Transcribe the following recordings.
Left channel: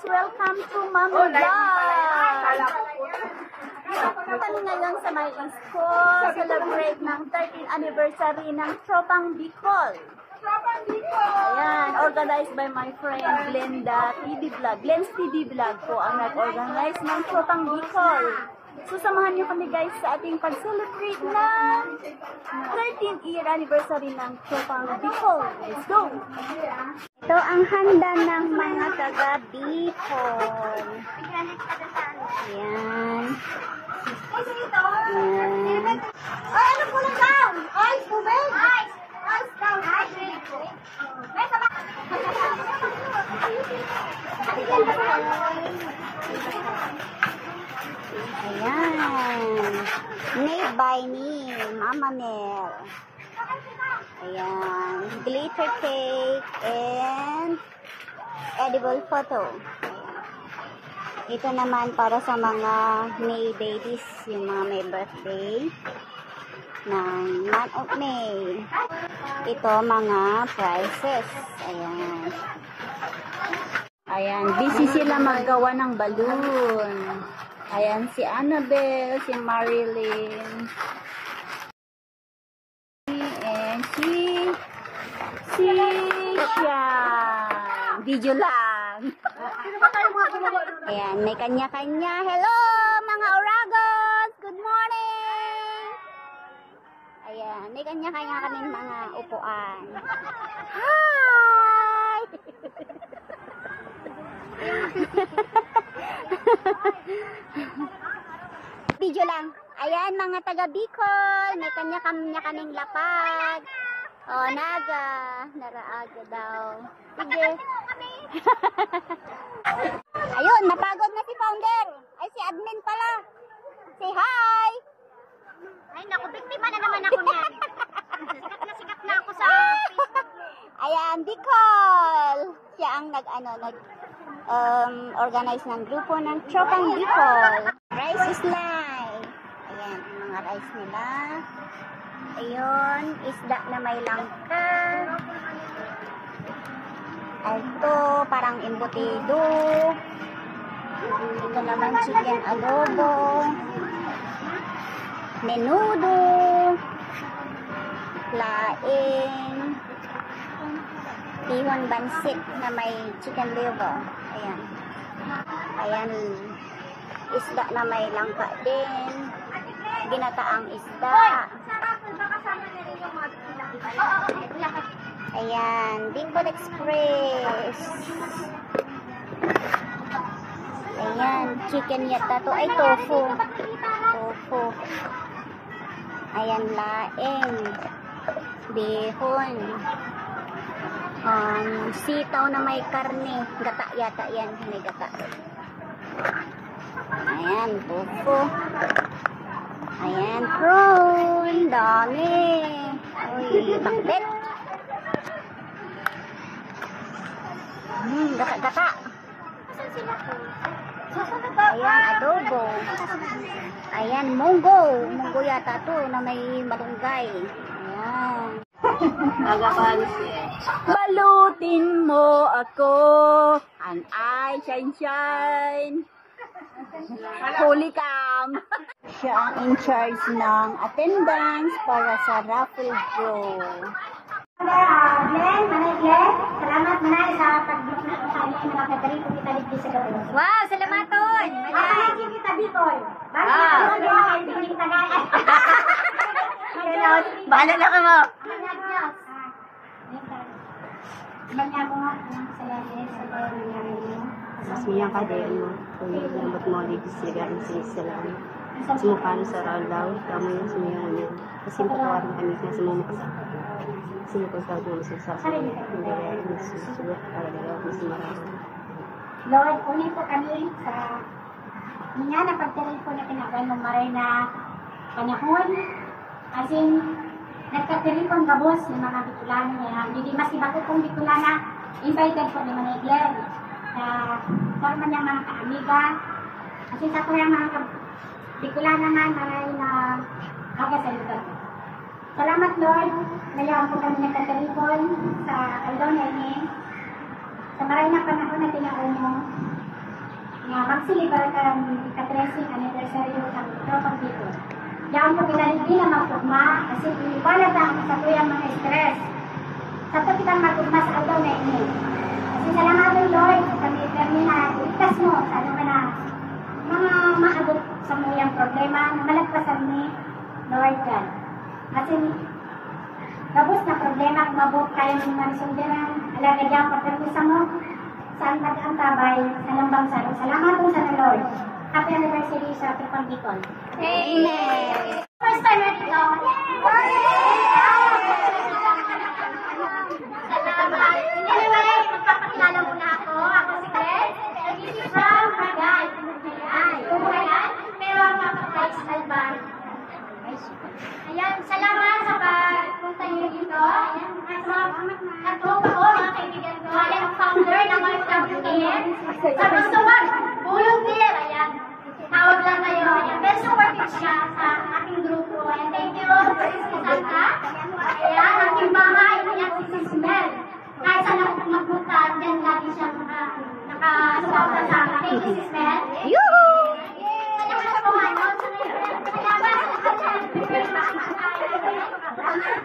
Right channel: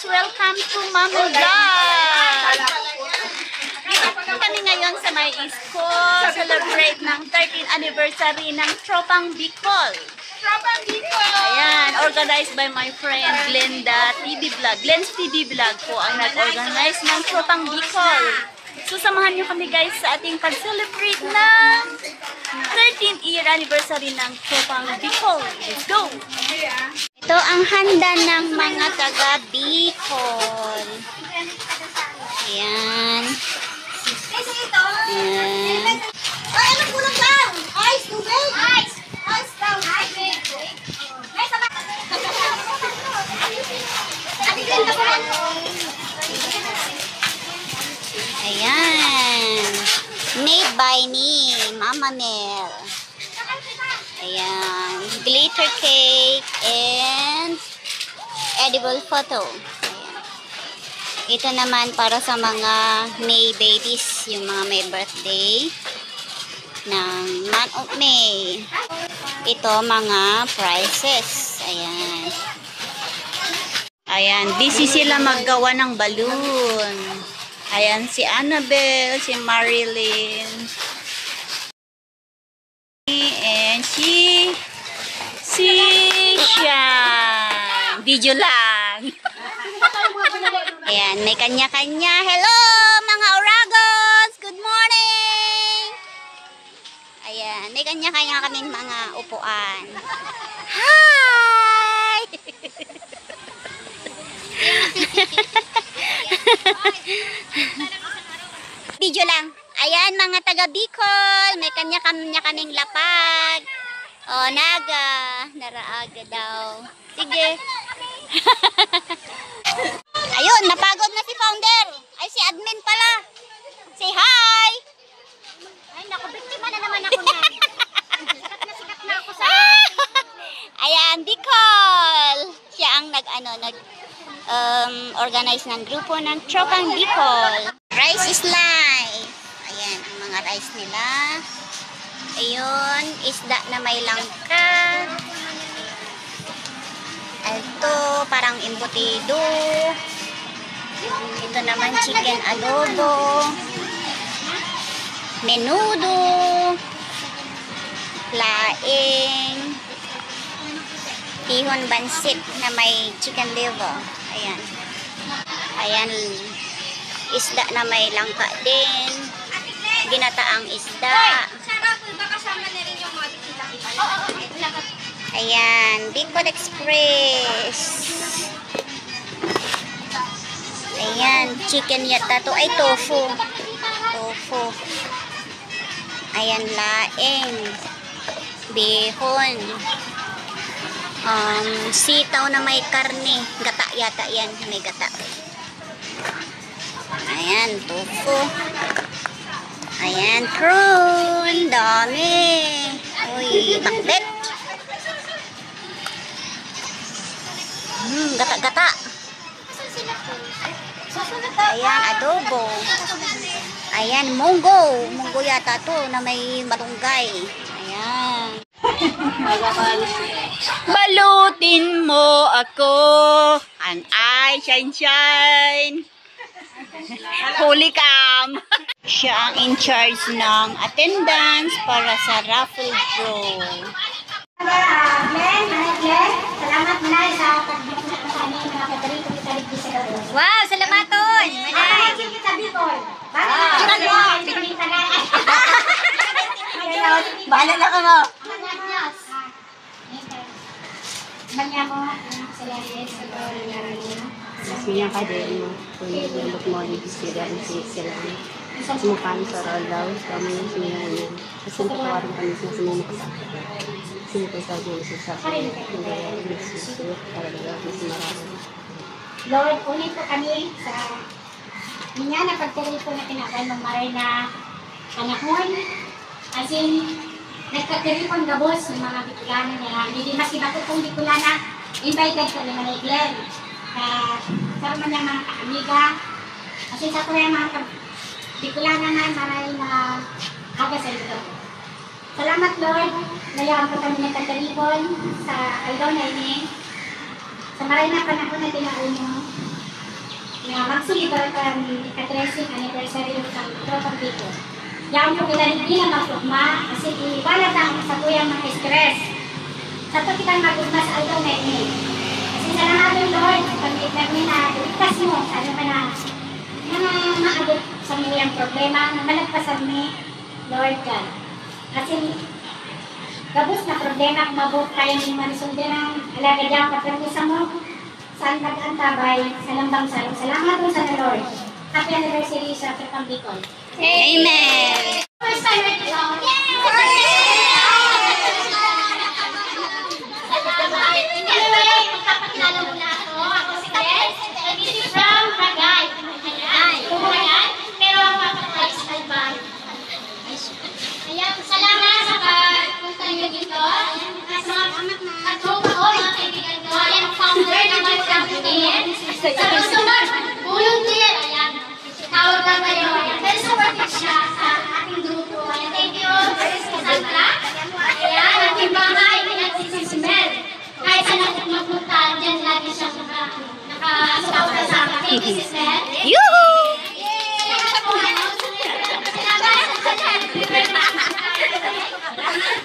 guys! Welcome to Mama Vlog! Kami ngayon sa may school, celebrate ng 13th anniversary ng Tropang Bicol. Tropang Bicol! Ayan, organized by my friend Glenda TV Vlog. Glenn's TV Vlog po ang nag-organize ng Tropang Bicol. So, samahan nyo kami guys sa ating pag-celebrate ng 13th year anniversary ng Tropang Bicol. Let's go! Ito ang handa ng mga taga Bicol. Ayan. Ayan. Ay, ano po lang lang? Ice, tubig? Ice! Ice lang, ice. Atiglan ka po lang. Ayan. Made by me, Mama Mel. Ayan. Glitter cake and edible photo. Ayan. Ito naman para sa mga May babies, yung mga may birthday ng month of May. Ito mga prizes. Ayan. Ayan. Busy sila maggawa ng balloon. Ayan si Annabelle, si Marilyn. And si Sian. Video lang. Ayan, may kanya-kanya. Hello, mga Oragos! Good morning! Ayan, may kanya-kanya kaming mga upuan. Hi! Video lang. Ayan, mga taga Bicol. May kanya-kanya kaming lapag. O, naga. Naraaga daw. Sige. Ayun, napagod na si founder. Ay, si admin pala. Say hi! Ay, naku, biktima na naman ako na. Sikat na ako sa... Ayan, Bicol. Siya ang organize ng grupo ng Tropang Bicol. Rice is life. Ayan, ang mga rice nila. Ayun, isda na may langka. Ito, parang embutido. Ito naman chicken adobo. Menudo. Laing. Tihon bansit na may chicken liver. Ayan. Ayan. Isda na may langka din. Ginataang isda. Sarap, baka kasama na rin yung mga bikila. Ayan. Bicol Express. Ayan. Chicken yata to. Ay, tofu. Tofu. Ayan, laing. Bihon. Sitaw na may karne. Gata yata yan. May gata. Ayan, tofu. Ayan, prawn. Dami. Uy, bakbet. Gata-gata. Ayan, adobo. Ayan, munggo. Munggo yata to na may malunggay. Ayan. Balutin mo ako ang eye shine. Holy cam. Siya ang in charge ng attendance para sa raffle draw. Glenn, Glenn, salamat na sa pag-bukod ko sa amin mga katarito kita dito sa Kabos. Wow, salamaton. Ay, kita Bicol. Bahala na ka mo. Banya mo, salamat sa pag-bukod. Masnya ka din mo kung nilambot mo ang ibisira ang sila. Sumukaan sa ralaw, kami yung sinyahan. Kasi nakawarin kami sa sumukas. Sinipay sa akin sa sasabi. Hindi kaya ibisira talaga mas marami. Lord, unin po kami sa niya na pagtuloy po na tinakay ng maray na panahon. As in, nagkakiripon gabos ng mga Bicolana niya. Hindi mas iba ko kong Bicolana, invited po ni Manay Glenn. Sa man yung mga kaamiga. Kasi sa ko yung mga Bicolana na maray na kagasal. Salamat Lord, ngayon po kami nagkakiripon sa Aldona ini. Sa maray na panahon na tinauno, ika-13 anniversary ng Tropang Bicol. Diyan po kita hindi na magpugma kasi iwala na ako sa tuyang mga stress. Sa to kitang magpugma sa aldaw na ini. Kasi salamat Lord, kami na iligtas mo sa ano ka na mga maabot sa mga problema na malagpasan ni Lord God. Kasi gabos na problema kung mabot tayo ng mga sundiran, alaga dyan, patragusa mo saan pag-antabay sa lambang salong. Salamat po sa Lord. Happy anniversary sa Tropang Bicol. Amen! First time right now. Anyway, magpapakilala muna ako. Ako si Tess. Nandito from Ragay. Pero mapapakilala sa Albay. Ayan, salamat sa pagpunta niyo dito. Sa mga katropa ko, mga kaibigan ko. Ayan, ang founder ng mga campaign. Sa gusto mag-volunteer. Ayan, tawag lang kayo. Ayan, very supportive siya sa ating grupo. Ayan, thank you, Chris Cassandra. Ayan, ating bahay, ayan, si Mel. Kahit saan ako magpunta, dyan lagi siya nakasuporta sa akin. Thank you, Sis Mel. Yoo-hoo!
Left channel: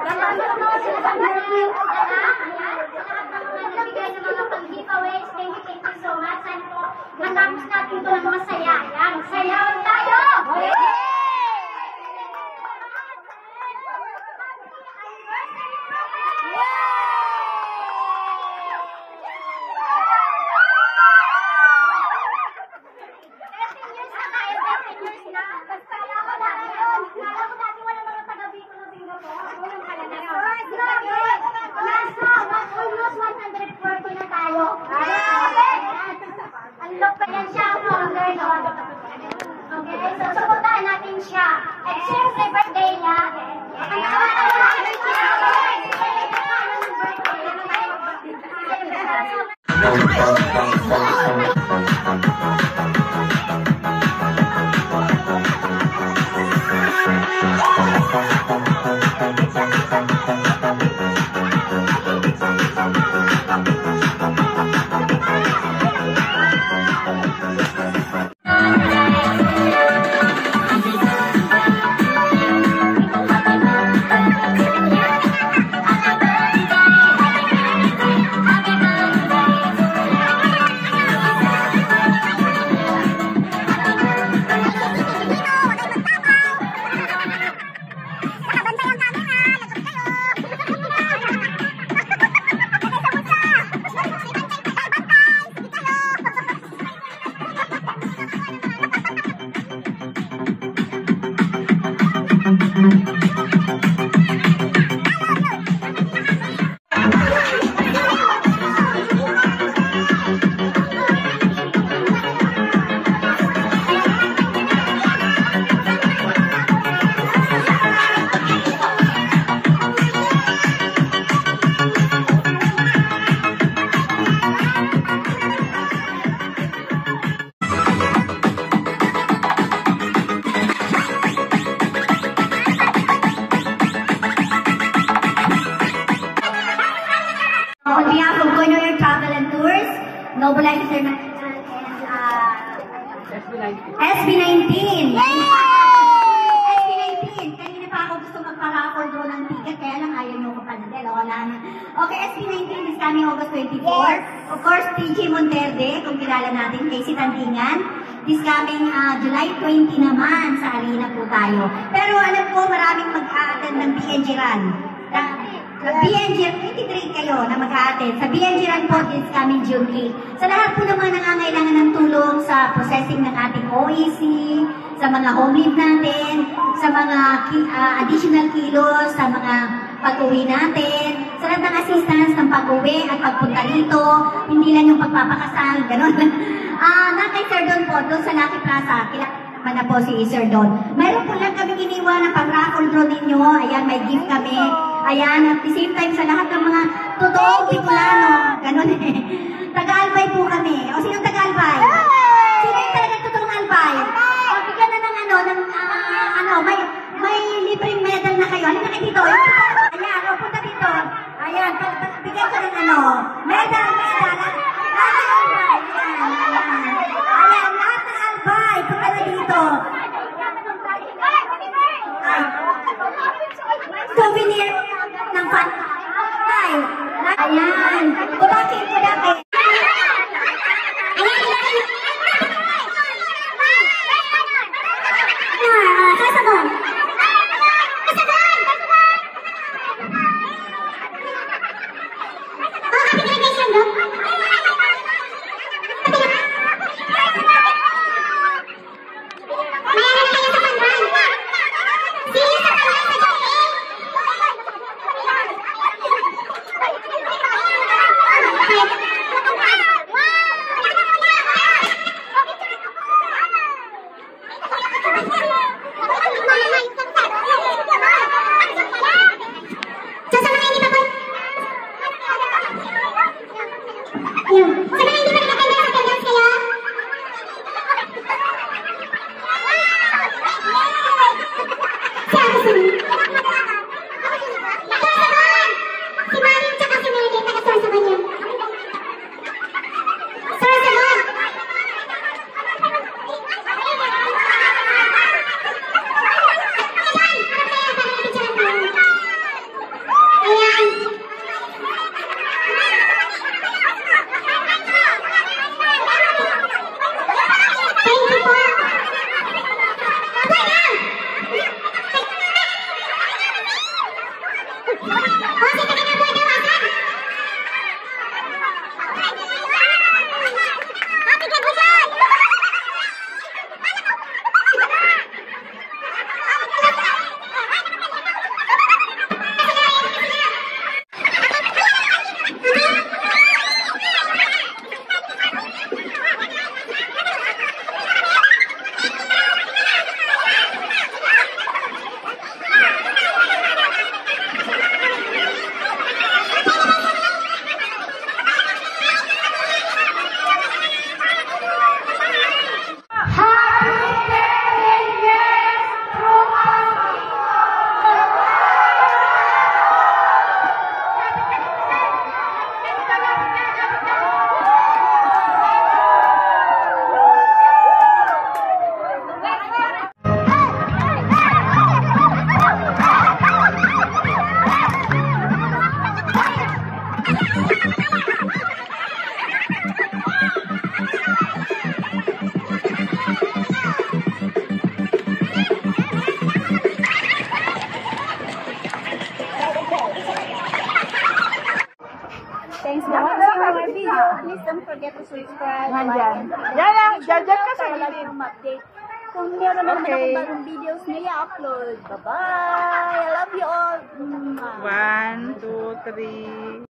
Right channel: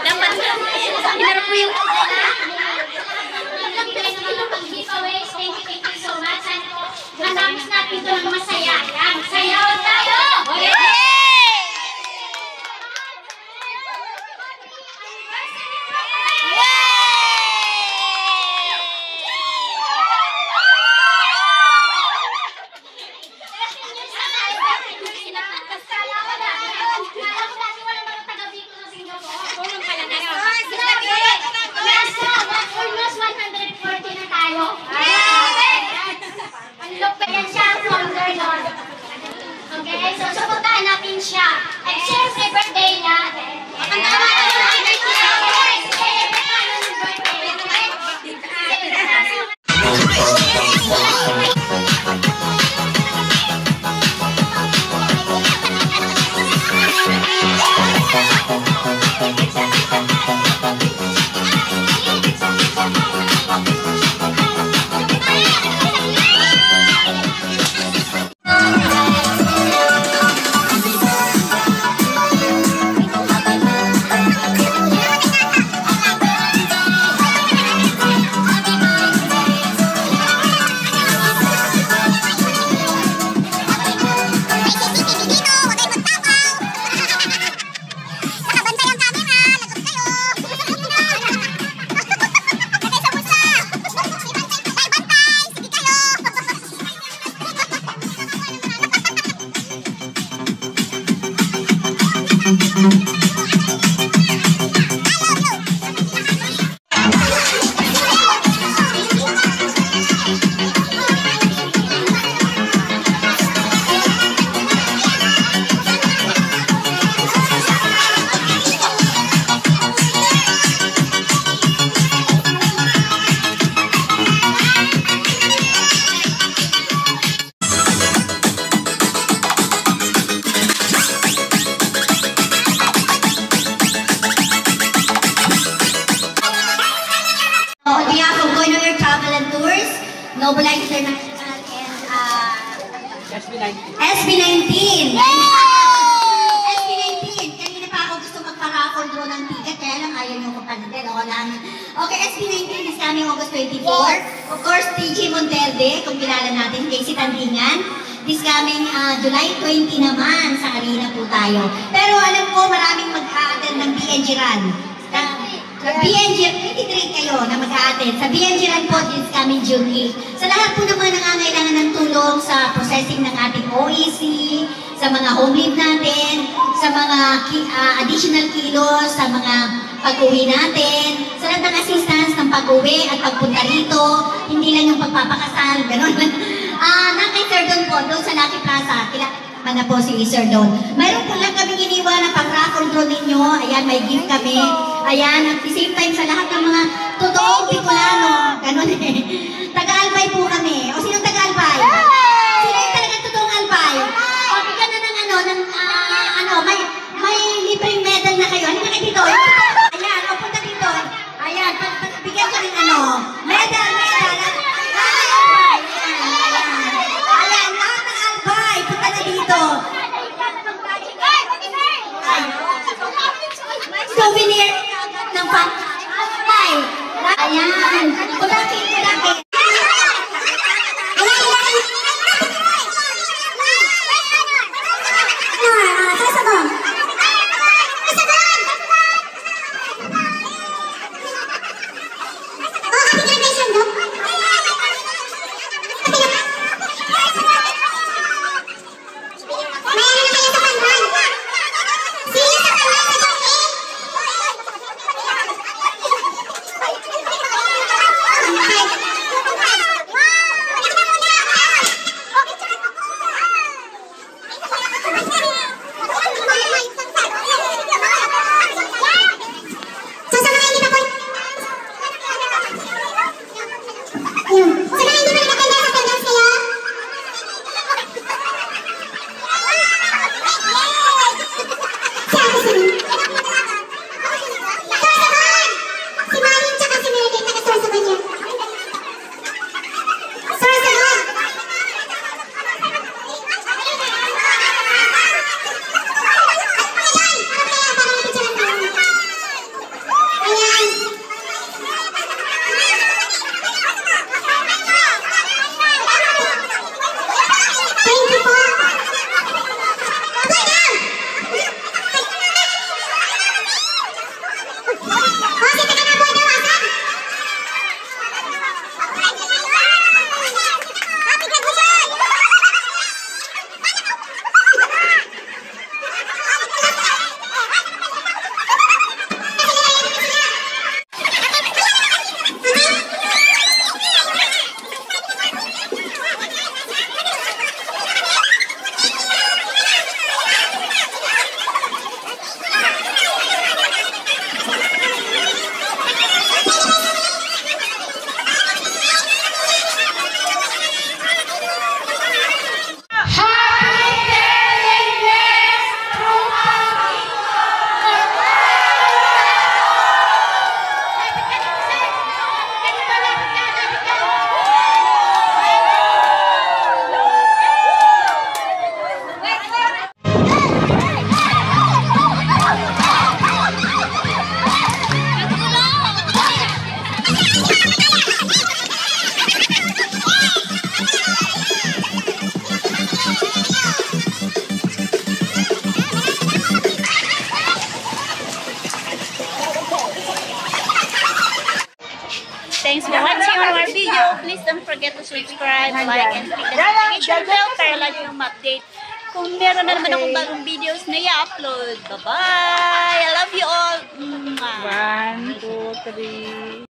Dapat hinarap mo yung Thank you so much. Matapos natin ito ng masaya. Sayaw tayo! Almost 140 na tayo. Ang yan siya, founder Lord. Okay, so suportahan natin siya. At syempre, birthday niya. On behalf of Goynoyer Travel and Tours, Noble International, and SB19. SB19. Kanina pa ako gusto magpa-raffle draw ng ticket, kaya lang ayaw nyo ko panadel. Okay, SB19 is coming August 24. Of course, TG Monterde, kung kilala natin, Casey Tandingan. This coming July 20 naman, sa arena po tayo. Pero alam ko, maraming mag-a-attend ng BNG Run. BNG, 23 kayo na mag-a-attend. Sa BNG Run po, this coming June 8. Sa lahat po naman nangangailangan ng tulong sa processing ng ating OEC, sa mga home leave natin, sa mga additional kilos, sa mga pag-uwi natin, sa lahat ng assistance ng pag-uwi at pagpunta rito, hindi lang yung pagpapakasal, gano'n. Kay Sir Don po, doon sa Lucky Plaza, kilala na po si Sir Don. Mayroon po lang kami iniwan ng pag-raffle draw ninyo. Ayan, may gift kami. Ayan, at the same time sa lahat ng mga totoong Bicolano. Ganon eh. Taga-Albay po kami. O sinong taga-Albay? Sino yung talagang totoong Albay? O bigyan na ng may libreng medal na kayo. Halika kayo dito. Ayan, o punta dito. Ayan, bigyan ko ng medal. Ayan, lahat ng Thanks for watching our video. Please don't forget to subscribe, like, and click the notification bell para lagi yung ma-update kung meron na naman akong bagong videos na i-upload. Bye-bye! I love you all! Mwah. 1, 2, 3.